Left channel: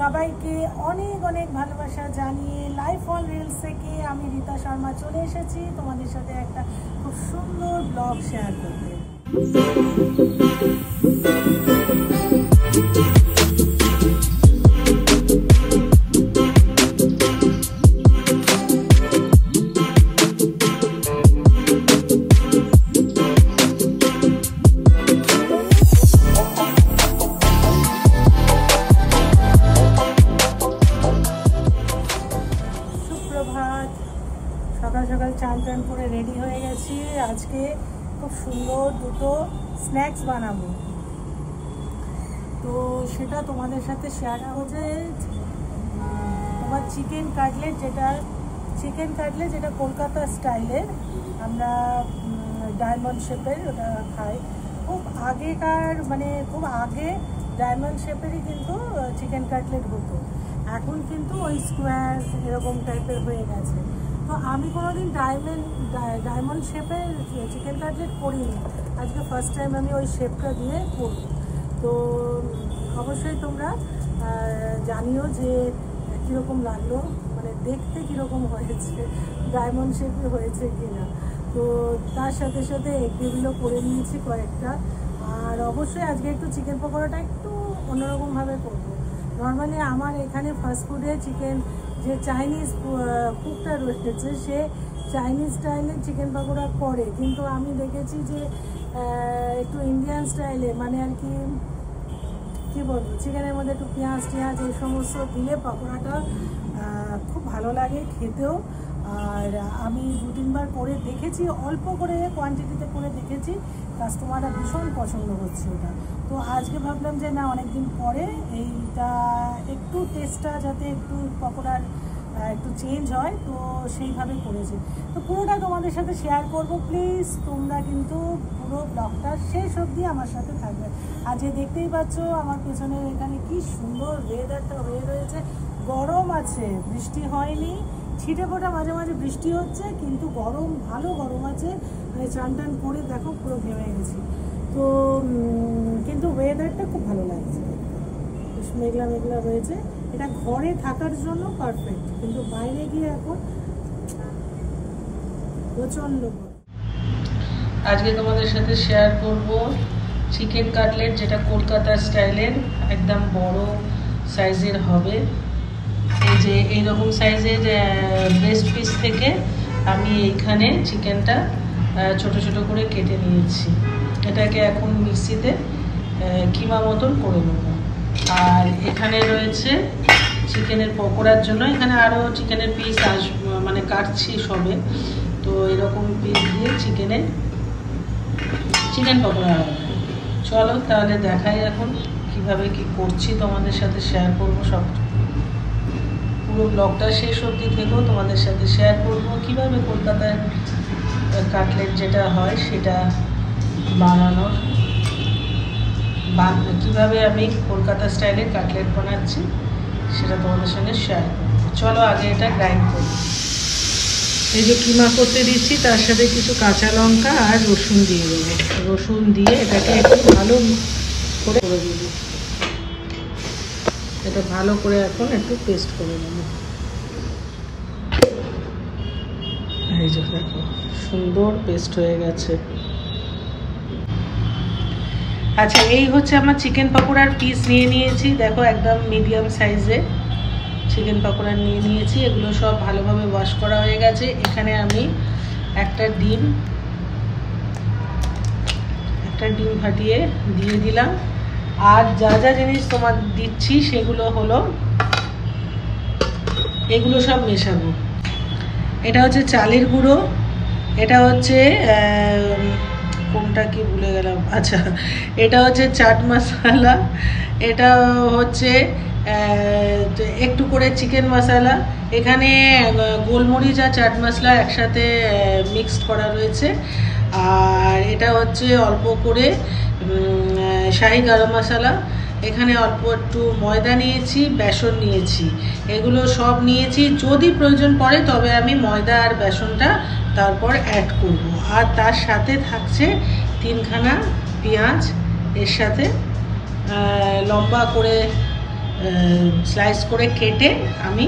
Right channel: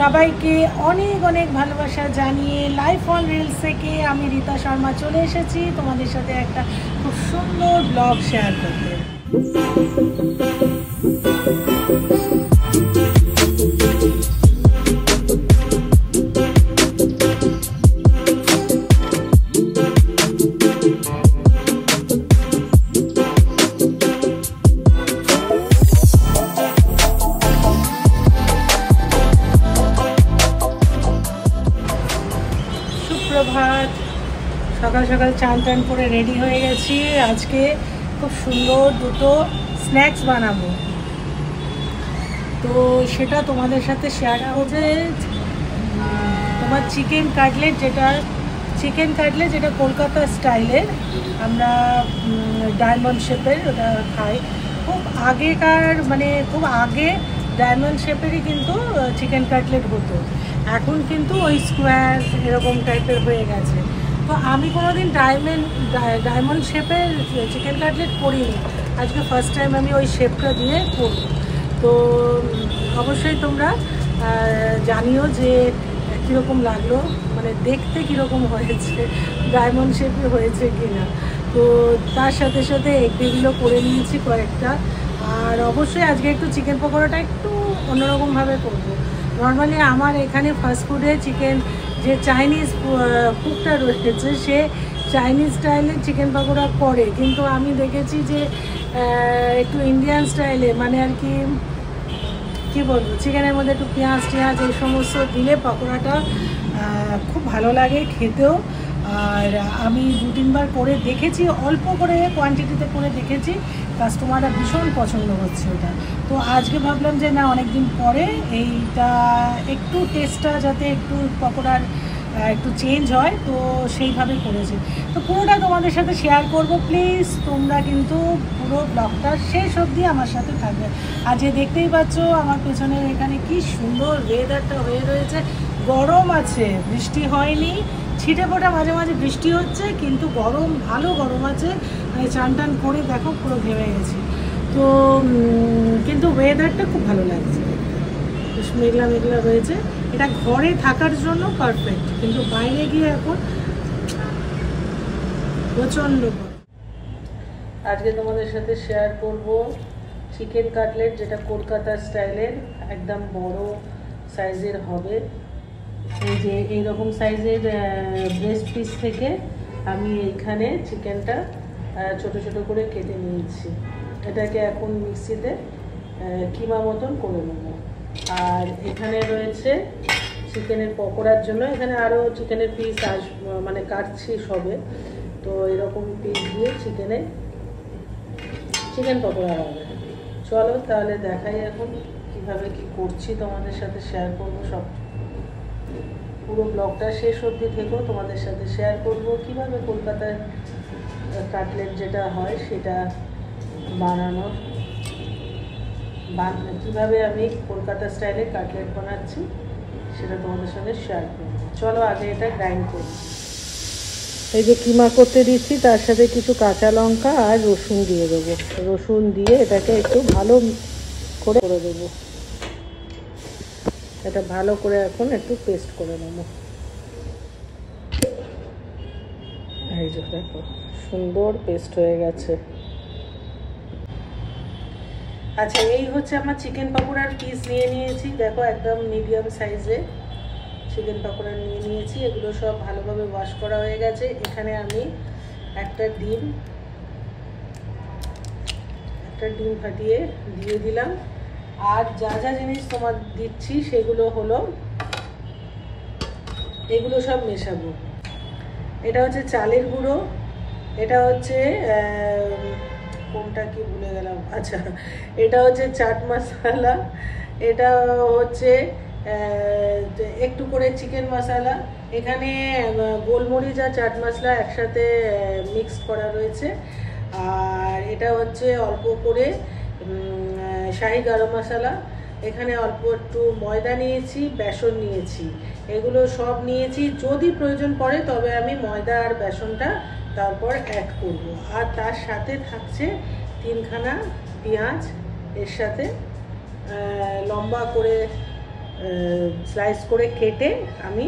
সবাইকে অনেক অনেক ভালোবাসা জানিয়ে লাইফ অন রিলস থেকে আমি রীতা শর্মা চলে এসেছি তোমাদের সাথে একটা খুব সুন্দর ব্লগ শেয়ার করতে। সকাল সকাল চান টান করে রেডি হয়ে গেছি। আজকে খুব সুন্দর দুটো স্ন্যাক্স বানাবো, তো সেটা তোমাদের সাথে শেয়ার হবে। তোমার চিকেন কাটলেট, যেটা কলকাতা স্টাইলের, আমরা ডায়মন্ড শেপের ওটা খাই। খুব আগেকার খুব আগে ডায়মন্ড শেপেরই কিন্তু চিকেন কাটলেট হতো, এখন কিন্তু ওই স্কোয়ার এরকম টাইপের হয়ে গেছে। তো আমি কোনোদিন ডায়মন্ড শেপের চিকেন কাটলেট করিনি, আজকে ফার্স্ট টাইম আমি ওই শেপটা দিয়ে করব। তো অবশ্যই তোমরা জানিও যে কীরকম লাগলো, দেখতে কীরকম হয়েছে, ডায়মন্ড শেপে হয়েছে কি না। তো তার সাথে সাথে এগুলো করে নিয়েছি কয়েকটা। আর অবশ্যই আজকে একটু চিকেন পকোড়াটা একটু অন্যরকমভাবে করব। নর্মালি আমার এখানে ফাস্টফুডে চিকেন যে চাইনিজ কুকটা রয়েছে, সে চাইনিজ স্টাইলের চিকেন পকোড়া করে, কিন্তু আমি দেখেছি যে একটু ইন্ডিয়ান স্টাইলে, আর কি বলবো, চিকেনের মধ্যে একটু পেঁয়াজ এই সমস্ত দিলে পকোড়াটা খুব ভালো লাগে খেতেও। আর আমি 2-3 বার করে দেখেছি, অল্প করে কোয়ান্টিটিতে করে দেখেছি, কাস্টমাররা ভীষণ পছন্দ হচ্ছে ওটা। তো আজকে ভাবলাম যে না, অনেকদিন পরে এইটা একটু টেস্টটা যাতে একটু পকোড়ার একটু চেঞ্জ হয়, তো সেইভাবে করেছি। তো পুরোটা তোমাদের সাথে শেয়ার করব। প্লিজ তোমরা কিন্তু পুরো ব্লগটা শেষ অবধি আমার সাথে থাকবে। আর যে দেখতেই পাচ্ছ আমার পেছনে এখানে কি সুন্দর ওয়েদারটা হয়ে রয়েছে, গরম আছে, বৃষ্টি হয়নি, ছিটে ফোটা মাঝে মাঝে বৃষ্টি হচ্ছে, কিন্তু গরম, ভালো গরম আছে। চান টান করে দেখো পুরো ঘেমে গেছি। তো কিন্তু ওয়েদারটা খুব ভালো লাগছে, মেঘলা মেঘলা রয়েছে। এটা ঘরে থাকার জন্য পারফেক্ট, কিন্তু বাইরে গিয়ে এখন প্রচণ্ড গরম। আজকে তোমাদের সাথে শেয়ার করব চিকেন কাটলেট, যেটা কলকাতার স্টাইলের, একদম বড় সাইজের হবে। এই যে এইরকম সাইজের ব্রেস্ট পিস থেকে আমি এখানে চিকেনটা ছোট ছোট করে কেটে নিয়েছি। এটাকে এখন মিক্সিতে কিমা মতন করে নেব। আর এখানে রয়েছে চিকেনের পকোড়ার জন্য, এখানে আরও চিকেনের পিস কাটছি সবে। তো এরকম পিস দিয়ে চিকেন পকোড়া হবে। চলো তাহলে দেখাই এখন কিভাবে কি করছি, তোমাদের সাথে শেয়ার করবো সব। পুরো ব্লগটা শেষ অবধি থেকেও তোমাদের সাথে শেয়ার করব কিভাবে কলকাতার কাটলেট যেটা হয় সেটা বানানোর, কীভাবে আমি কলকাতা স্টাইলে কাটলেট বানাচ্ছি সেটা তোমাদের সঙ্গে শেয়ার করব। চলো আগে এটা গ্রাইন্ড করি। এই যে কিমা করতে দিচ্ছি, তার সাথে কিছু কাঁচা লঙ্কা আর রসুন দিয়ে দেবো। রসুন দিয়ে এটাকে একটু ভালো করে দেবো। এটা ভালো করে এখন একটু পেস্ট করে নেব। এই যে দেখো সুন্দর পেস্ট হয়ে গেছে। আচ্ছা, এই হচ্ছে আমার চিকেন পকোড়ার পিস নিয়ে নিয়েছি। দেখো একদম মিডিয়াম সাইজে চিকেন পকোড়া নিয়ে নিয়েছি। এগুলো সব ভালোভাবে ওয়াশ করা হয়ে গেছে। এখানে আমি একটা ডিম ফাটিয়ে দিয়ে দিলাম। আর যা যা জিনিস তোমার দিচ্ছি সেগুলো হলো, এগুলো সব মেশাবো। এটা হচ্ছে চালের গুঁড়ো, এটা হচ্ছে কোনটা কি ভুলে গেলাম, আচ্ছা এটা হচ্ছে চাট মশলা, এটা হচ্ছে একটু করে চিকেন মশলা, এখানে গোলমরিচ আর চাট মশলা একসাথে মিক্সড করা রয়েছে। আর এটা হচ্ছে অল্প করে শাহি গরম মশলা, এখানে অল্প একটু ময়দা নিয়েছি, বেসন নিয়েছি, এগুলো সব নিয়েছি। যদি প্রয়োজন পড়ে তবে আমি ময়দা আর বেসনটা তারপর অ্যাড করব। আর তার সাথে থাকছে 3খানা পেঁয়াজ, এর সাথে লম্বা করে স্লাইস করে কেটে আমি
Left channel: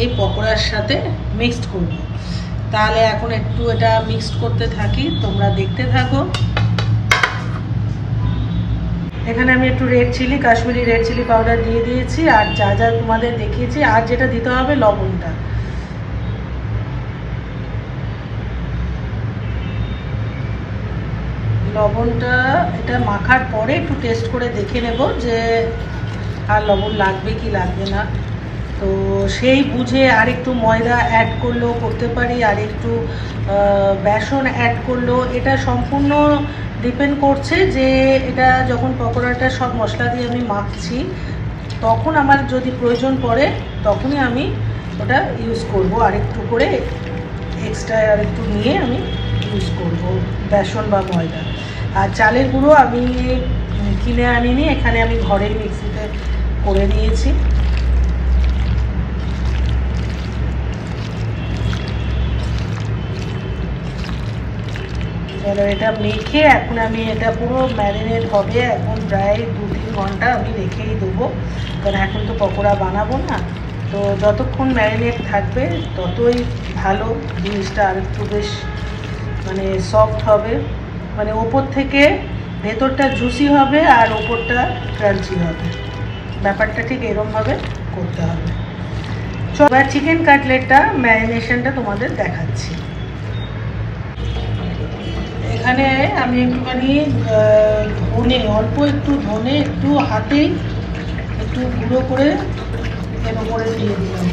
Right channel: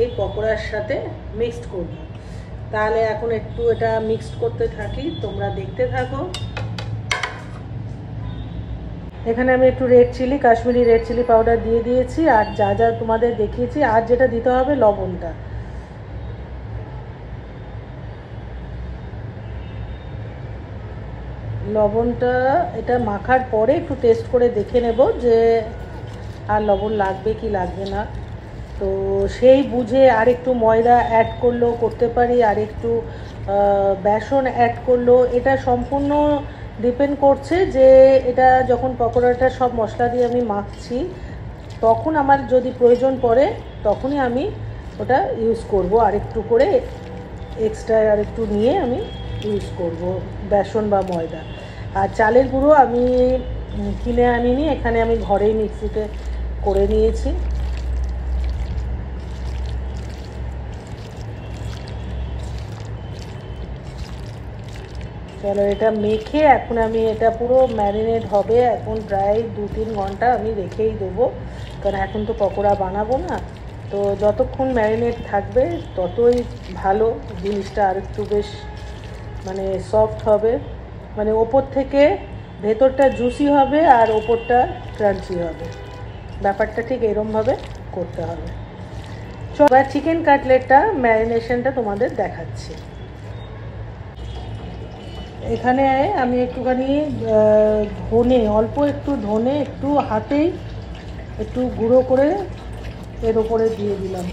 এই পকোড়ার সাথে মিক্সড করব। তাহলে এখন একটু এটা মিক্সড করতে থাকি, তোমরা দেখতে থাকো। এখানে আমি একটু red chilli, Kashmiri red chilli powder দিয়ে দিয়েছি, আর যা যা তোমাদের দেখিয়েছি। আর যেটা দিতে হবে লবণটা, লবণটা এটা মাখার পরে একটু টেস্ট করে দেখে নেব যে আর লবণ লাগবে কি লাগবে না। তো সেই বুঝে আর একটু ময়দা অ্যাড করলেও করতে পারি, আর একটু বেসন অ্যাড করলেও, এটা সম্পূর্ণ ডিপেন্ড করছে যে এটা যখন পকোড়াটা সব মশলা দিয়ে আমি মাখছি তখন আমার যদি প্রয়োজন পড়ে তখনই আমি ওটা ইউজ করব, আর একটু করে এক্সট্রা আর একটু নিয়ে আমি ইউজ করব বেসন বা ময়দা। আর চালের গুঁড়ো আমি কিনে আনিনি, এখানে আমি ঘরেই মিক্সিতে করে দিয়েছি। চলো এটা মেখে এখন আমি এটা পুরো ম্যারিনেট হবে, এখন প্রায় 2-3 ঘন্টা আমি রেখেই দেবো, কারণ এখন তো পকোড়া বানাবো না। তো যতক্ষণ ম্যারিনেট থাকবে ততই ভালো, জিনিসটা আর একটু বেশ মানে সফট হবে, মানে ওপর থেকে ভেতরটা জুসি হবে আর ওপরটা ক্রাঞ্চি হবে। ব্যাপারটা ঠিক এরকমভাবে করতে হবে। এবার চিকেন কাটলেটটা ম্যারিনেশনটা তোমাদের দেখাচ্ছি। এখানে আমি একটুখানি ধনে, অল্প একটু ধনে একটু হাতেই একটু গুঁড়ো করে এর ওপরে দিয়ে দিলাম।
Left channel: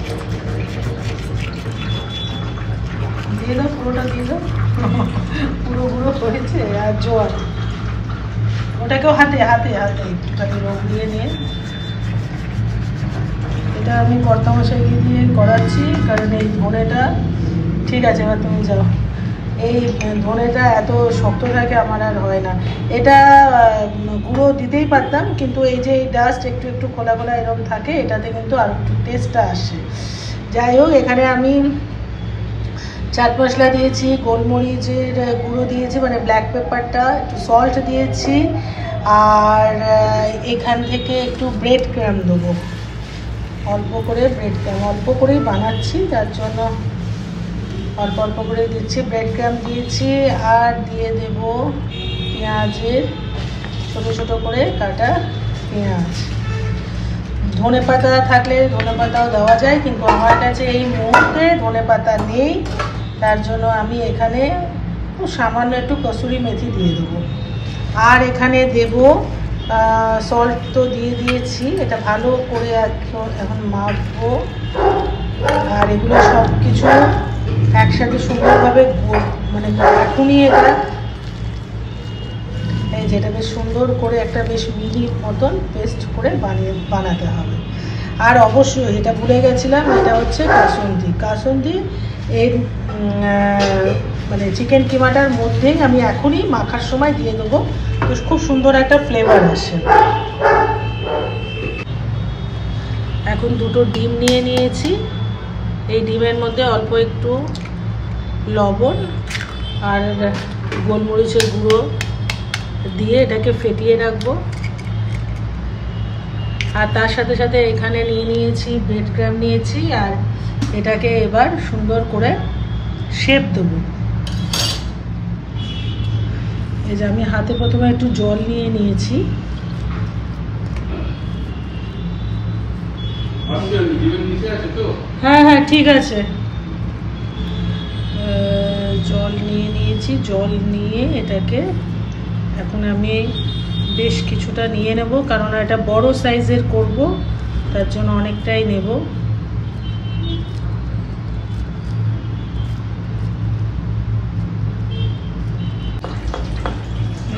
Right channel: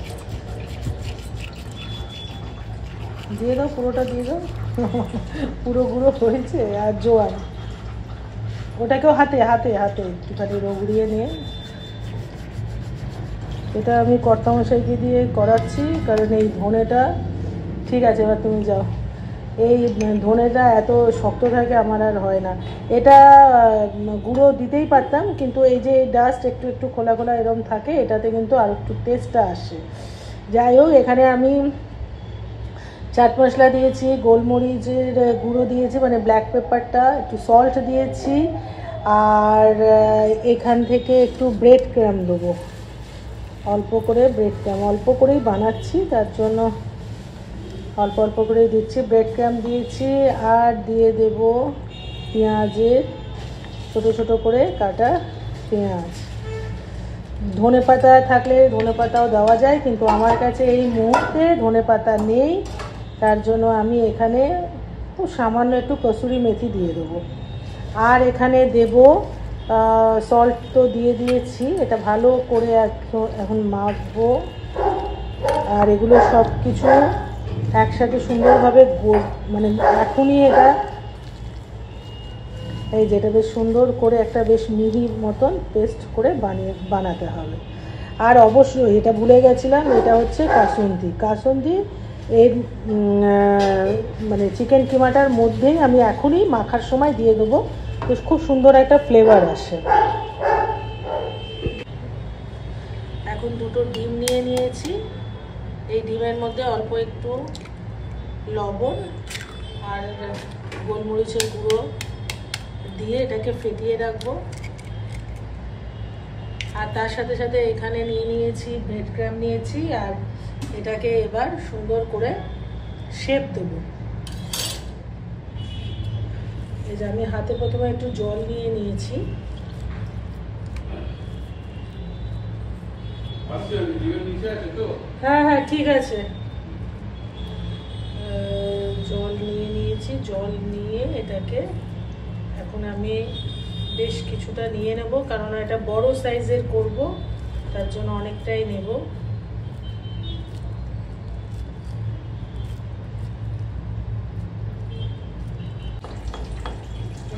দিয়ে দাও, পুরোটা দিয়ে দাও, পুরো গুঁড়ো হয়েছে। আর জোয়ান, ওটাকেও হাতে হাতে হাতে একটুখানি রগড়িয়ে নিয়ে, এটা আমি কর্তামশাইকে দিয়ে করাচ্ছি, কারণ এই ধনেটা ঠিক আছে। এবার তুমি যাও, এই ধনেটা এত শক্ত থাকে আমার আর হয় না। এটা গুঁড়ো দিতেই পারতাম, কিন্তু এই যে ডাস্ট একটু একটু খোলা খোলা এরকম থাকে, এটাতে কিন্তু আর একটু টেস্টটা আসে। যাই হোক, এখানে আমি চাট মশলা দিয়েছি, গোলমরিচের গুঁড়ো দিয়েছি মানে ব্ল্যাক পেপারটা, একটু সল্ট দিয়েছি, আর এখান থেকে একটু ব্রেড ক্রাম দেবো, অল্প করে ব্রেড ক্রাম, অল্প করেই বানাচ্ছি তার জন্য অল্প অল্প করে দিচ্ছি। ব্রেড ক্রাম দিয়েছি, আর দিয়ে দেব পেঁয়াজের ছোটো ছোটো করে কাটা পেঁয়াজ। ধনেপাতা থাকলে ধনেপাতাও দেওয়া যায়, কিন্তু আমার কাছে এই মুহূর্তে ধনেপাতা নেই, তার জন্য আমি এখানে সামান্য একটু কসুরি মেথি দিয়ে দেবো। আর এখানে দেব সল্ট তো দিয়ে দিয়েছি, এটা ভালো করে এখন মাখবো, আর এগুলো সব কিছু একসাথে সুন্দরভাবে মানে এখনই এটা এই যেটা বেশ সুন্দর করে একটা বেশ মিহি মতন পেস্ট করে বানাতে হবে। আর অবশ্যই এটা ভুলে গেছিলাম, এটা হচ্ছে কাসুন্দি। কাসুন্দি এর মানে চিকেন কিমাটার মধ্যেই আমি এখনই মাখার সময় দিয়ে দেবো, তো খুব সুন্দর একটা ফ্লেভার আসে। এখন দুটো ডিম নিয়ে নিয়েছি, এই ডিমের মধ্যে অল্প একটু লবণ আর গোলমরিচের গুঁড়ো দিয়ে এটাকে ফেটিয়ে রাখবো। আর তার সাথে সাথে এখানে নিয়ে নিয়েছি ব্রেড ক্রাম নিয়েছি, আর এটাকে এবার সুন্দর করে শেপ দেবো। এই যে আমি হাতে প্রথমে একটু জল নিয়ে নিয়েছি, হ্যাঁ হ্যাঁ ঠিক আছে, জল নিয়ে নিয়েছি। জল নিয়ে এটাকে এখন আমি বেশ কিছুটা নিয়ে নেব, কারণ এটা বড় সাইজের করব, তার জন্য অনেকটাই নেব।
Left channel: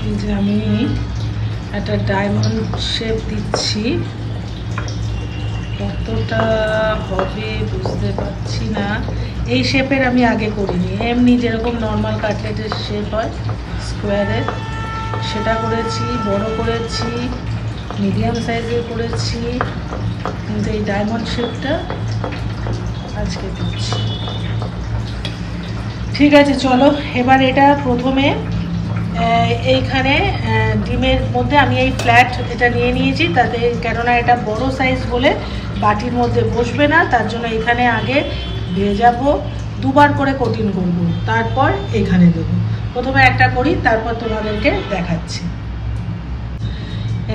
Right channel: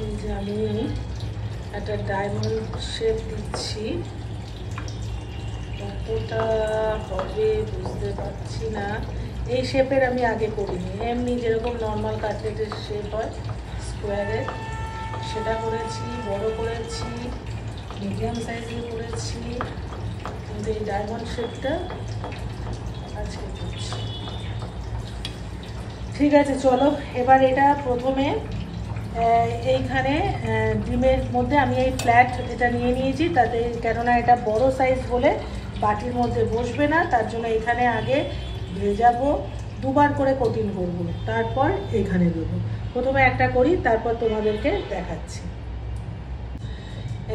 এই যে আমি একটা ডায়মন্ড শেপ দিচ্ছি, কতটা হবে বুঝতে পারছি না। এই শেপের আমি আগে করিনি, এমনি যেরকম নর্মাল কাটলেটের শেপ হয় স্কোয়ারের, সেটা করেছি, বড় করেছি, মিডিয়াম সাইজের করেছি, কিন্তু এই ডায়মন্ড শেপটা আজকে করছি। ঠিক আছে চলো, এবার এটা প্রথমে এইখানে ডিমের মধ্যে আমি এই ফ্ল্যাট যেটা নিয়ে নিয়েছি, তাতে কেননা এটা বড় সাইজ বলে বাটির মধ্যে বসবে না, তার জন্য এখানে আগে ভেজাবো, দুবার করে কোটিং করব, তারপর এখানে দেবো। প্রথমে একটা করি, তারপর তোমাদেরকে দেখাচ্ছি।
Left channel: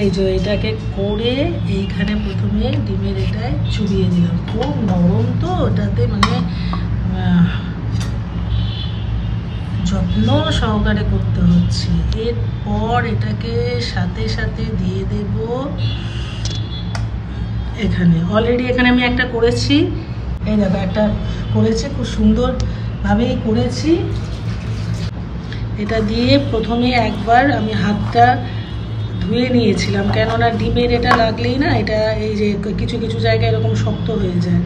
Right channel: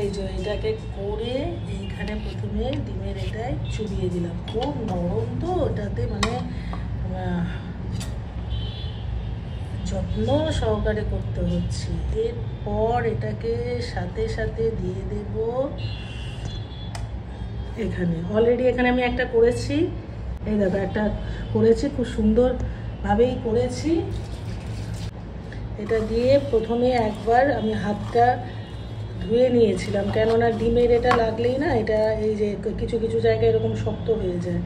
এই যে এটাকে করে এইখানে প্রথমে ডিমের এটায় চুবিয়ে দিলাম। খুব নরম তো, ওটাতে মানে যত্ন সহকারে করতে হচ্ছে। এরপর এটাকে সাথে সাথে দিয়ে দেব এখানে। অলরেডি এখানে আমি একটা করেছি, এই দেখো একটা করেছি, খুব সুন্দরভাবেই করেছি। এটা দিয়ে প্রথমে একবার আমি হাতটা ধুয়ে নিয়েছিলাম, কেননা ডিমের এটা লাগলেই না এটা এই যে কিছু কিছু জায়গায় এরকম শক্ত হয়ে যায়।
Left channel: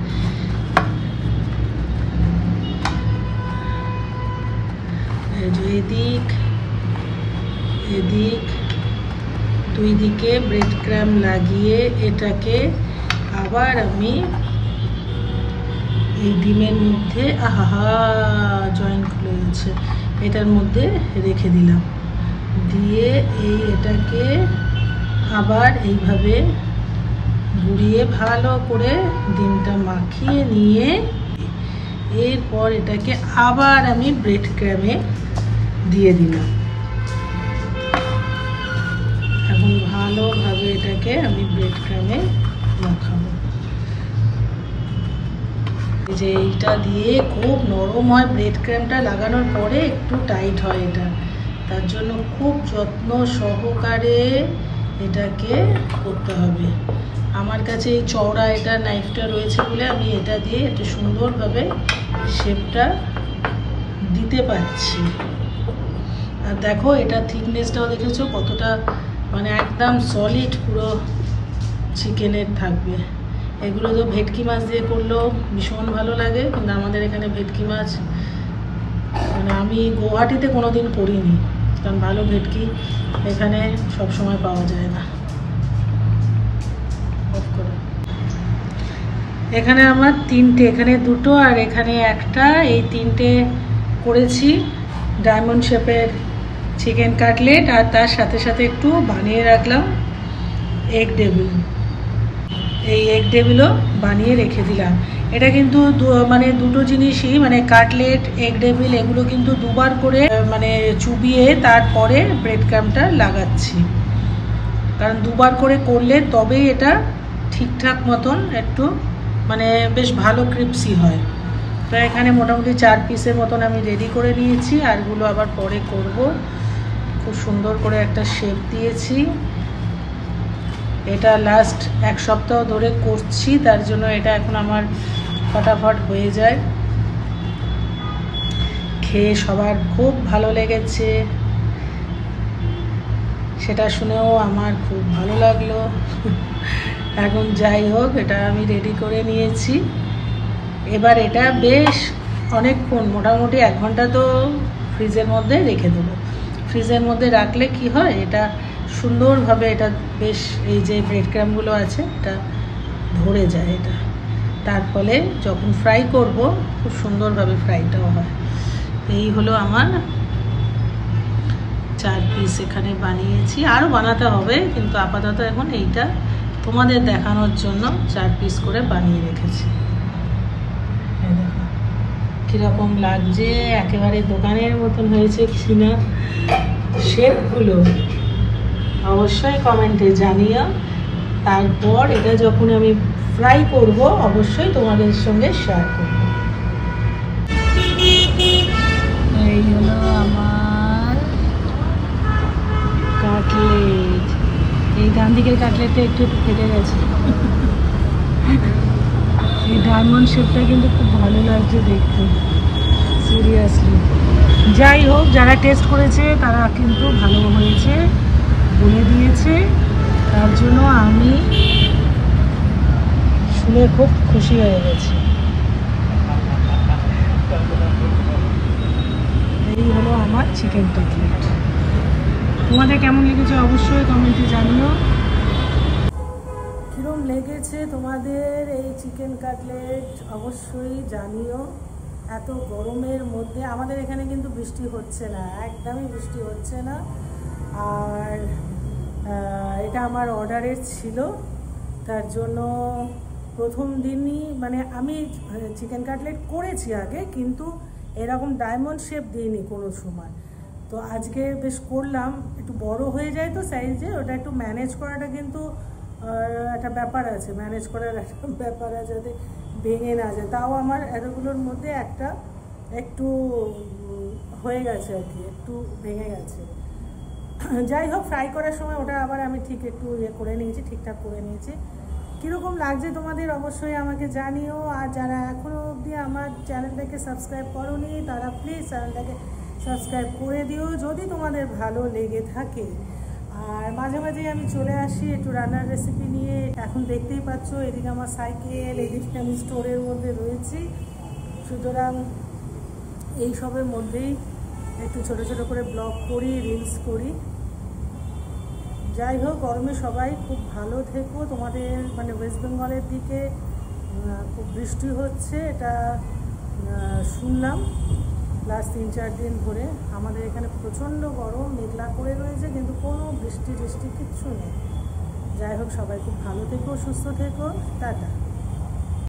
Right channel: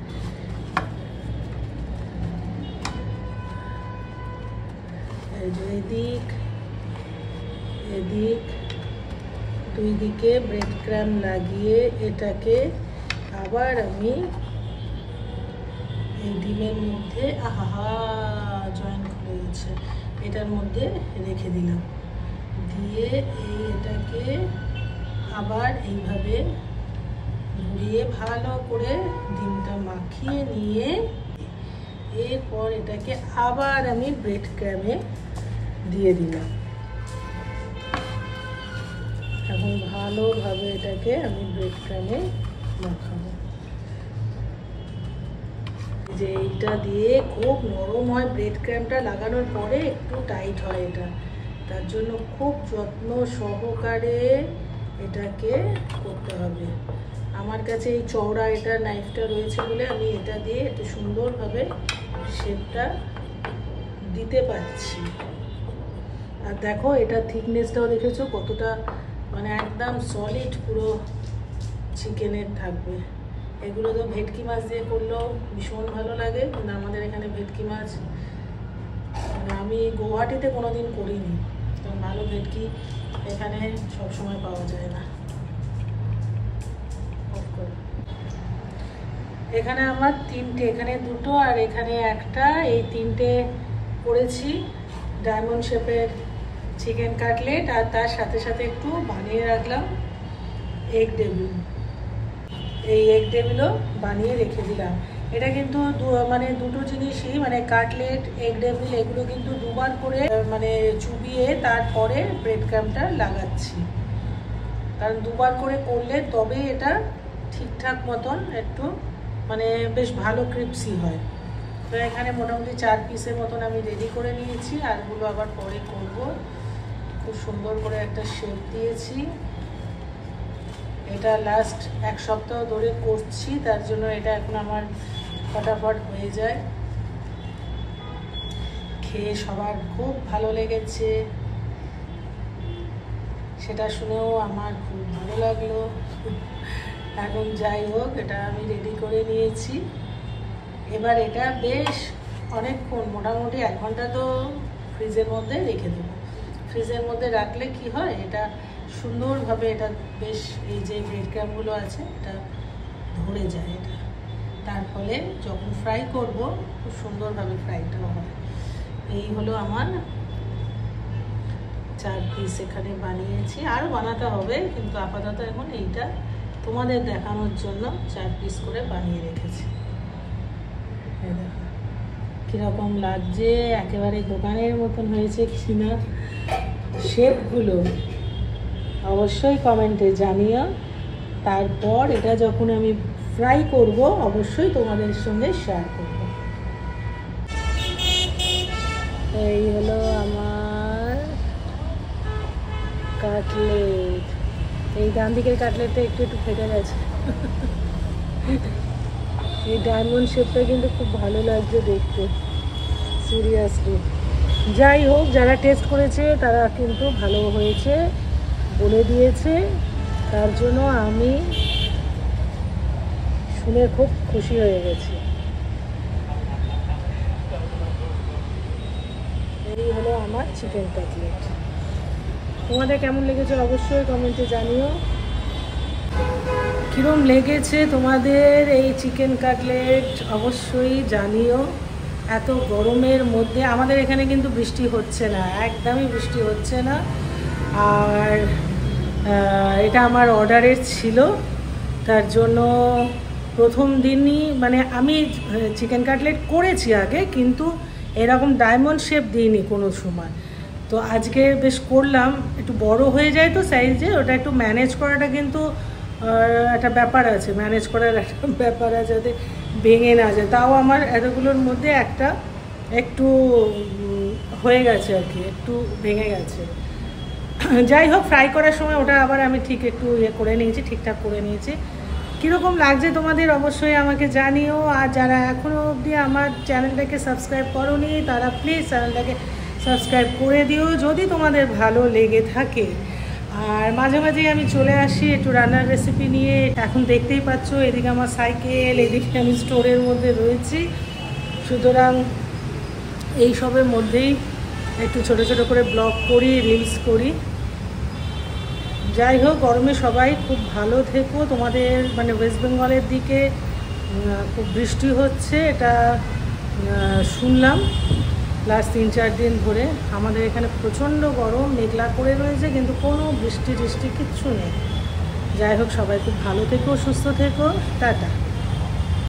এদিক এদিক দুই দিকে ব্রেড ক্রাম লাগিয়ে এটাকে আবার আমি এই ডিমের মধ্যে, আহা জয়েন্ট খুলে গেছে, এটার মধ্যে রেখে দিলাম। দিয়ে এটাকে আবার এইভাবে ঘুরিয়ে ভালো করে ডিমটা মাখিয়ে নিয়ে এরপর এটাকে আবার আমি ব্রেড ক্রামে দিয়ে দিলাম। এখন ভালোভাবে এটাকে আমি ব্রেড ক্রামে মাখাবো। যে এইটা দিয়ে খুব নরম হয়, ব্রেড ক্রামটা লাগানোর পরে একটু টাইট হয় এটা, তার জন্য খুব যত্ন সহকারে এটাকে করতে হবে। আমার কাছে এই চওড়া এটা নাইফটা রয়েছে বলে আমি এটা দিয়ে একটু সুন্দরভাবে শেপটা দিতে পারছি। আর দেখো এটা থিকনেসটাও দেখেছো কতটা, মানে একদম সলিড পুরো চিকেনের থাকবে। এগুলো তো ভেটকি মাছ দিয়ে করলেও ভীষণ ভালো লাগে, কিন্তু আমাদের এখানে ভেটকি মাছ মানে আমি গুয়াহাটিতে কোনোদিন করিনি, কারণ ভালো ভেটকি এখানে সব সময় পাওয়া যায় না। এখানে আমার তিনটে, এখানে দুটো আর এখানে একটা, এই তিনটে করেছি ডায়মন্ড শেপের চিকেন কাটলেট। আর তার সাথে সাথে একটু বানিয়ে রাখলাম এগ ডেভিল। এই এগ ডেভিলও বানিয়ে রেখে দিলাম। এটা কিন্তু মানে দুটো জিনিসই, মানে কাটলেট, এগ ডেভিল, এগুলো কিন্তু দুবার করে মানে চুবিয়ে তারপরে ব্রেড ক্রামটা লাগাচ্ছি, কারণ দুবার করে করলে তবেই এটা ঠিকঠাক মতন একটু মানে বেশ ভালো ক্রিপসি হয়। তো এখানে মোটামুটি 4 পিসের মতন আমি রেডি করে নিয়েছি, আরগুলো আবার পরে করব। খুব সুন্দর করে একটা শেপ দিয়েছি। এটা লাস্ট 1 সপ্তাহ ধরে করছি, তার জন্য এটা এখন আমার ফটাফট হয়ে যায়। খেয়ে সবার খুব ভালো লেগেছে, সেটা শুনেও আমার খুব ভালো লাগলো। এখন যাই হোক, এটা আমি রেডি করে নিয়েছি। এবার এটা বেশ অনেকক্ষণ, মোটামুটি 1 ঘন্টা তো ফ্রিজের মধ্যে রেখে দেবো। ফ্রিজের মধ্যে রাখলে কি হয়, এটা সুন্দরভাবে এটা বেশ এই যে ব্রেড ক্রামগুলো আছে এটা ধরে যায় এটা, তার ফলে যখন ফ্রাই করব খুব সুন্দরভাবে ফ্রাইটাও হয়। এই হলো আমার 4 পিস এখানে বানিয়েছি, আরও বানাতে হবে, কিন্তু আপাতত এখন এইটা তোমাদের দেখানোর জন্য 4 পিস করে বানিয়ে রেখেছি। কীরকম লাগছে, একেবারে দোকানের মতন হয়েছে কিনা শেপগুলো অবশ্যই কমেন্টে জানিও। তারপর এটা যখন আমি ফ্রাই করব অবশ্যই তোমাদের সঙ্গে শেয়ার করব। এই হলো আমার কাটলেট। এই ডান দিকের কাটলেটটা একটু একটু ফেটে গেছে। এই ডায়মন্ড শেপটা কিন্তু খুব ভালো লাগছে দেখতে, সিরিয়াসলি। যাই হোক, যারা টেস্ট করেছে তারা কিন্তু ভালো হয়েছে বলে দিয়েছে, তার জন্য আমি শুনে খুব খুশি হয়ে গেছি। এই হলো আমার চিকেন কাটলেট। তোমাদের কেমন লেগেছে অবশ্যই কমেন্টে জানিও। কীরকম লেগেছে তোমাদের এই চিকেন কাটলেট অবশ্যই জানিও। এত গরমের মধ্যে আমাদের এখানে কিন্তু বৃষ্টি হচ্ছে না, একদমই বৃষ্টি হচ্ছে না। আর এটা আমার অর্ডারের ছিল, তার জন্য প্রথম দিনই মানে আমি চিকেন কাটলেট করেছি আগে, কিন্তু এরকম ডায়মন্ড শেপ দিইনি কোনো সময়। তো আজকে বেশ করলাম, একটু বড় হয়ে যায় তো সাইজে, ওটা একটু ম্যানেজ করাটা কিন্তু একটা ব্যাপার আছে, ম্যানেজ করার একটা ব্যাপার আছে যাতে ভেঙে না যায়। তাও আমার এতগুলোর মধ্যে একটা একটু হয়ে গেছে আর কি, একটু ভেঙে গেছে। যাই হোক, ফ্রাই করার সময় ওটা আবার আমি ঠিক একটু করে নিয়েছি, ঠিকঠাক করে নিয়েছি। কীরকম লাগছে তোমাদের অবশ্যই আমাকে জানিও। আর যারা এখনও অবধি আমার চ্যানেলটাকে সাবস্ক্রাইব করোনি তারা প্লিজ চ্যানেলটাকে সাবস্ক্রাইব করে দিও যদি তোমাদের ভালো লেগে থাকে। আর মাঝে মাঝেই আমি চলে আসি একটু রান্নার রেসিপি নিয়ে। এখন দেখতেই পাচ্ছ এদিকে আমার সাইকেল, এদিকে আমি স্টোরের মধ্যে রয়েছি, সুতরাং এইসবের মধ্যেই একটু ছোট ছোট করে ব্লগ করি, রিলস করি। যাই হোক, গরমে সবাই খুব ভালো থেকো। তোমাদের মানে ওয়েস্ট বেঙ্গলের দিকে খুব বৃষ্টি হচ্ছে, এটা শুনলাম লাস্ট 3-4 দিন ধরে। আমাদের এখানে প্রচণ্ড গরম, মেঘলা করে রয়েছে, কিন্তু কোনো বৃষ্টি কিচ্ছু নেই। যাই হোক, সবাই খুব ভালো থেকো, সুস্থ থেকো, টাটা।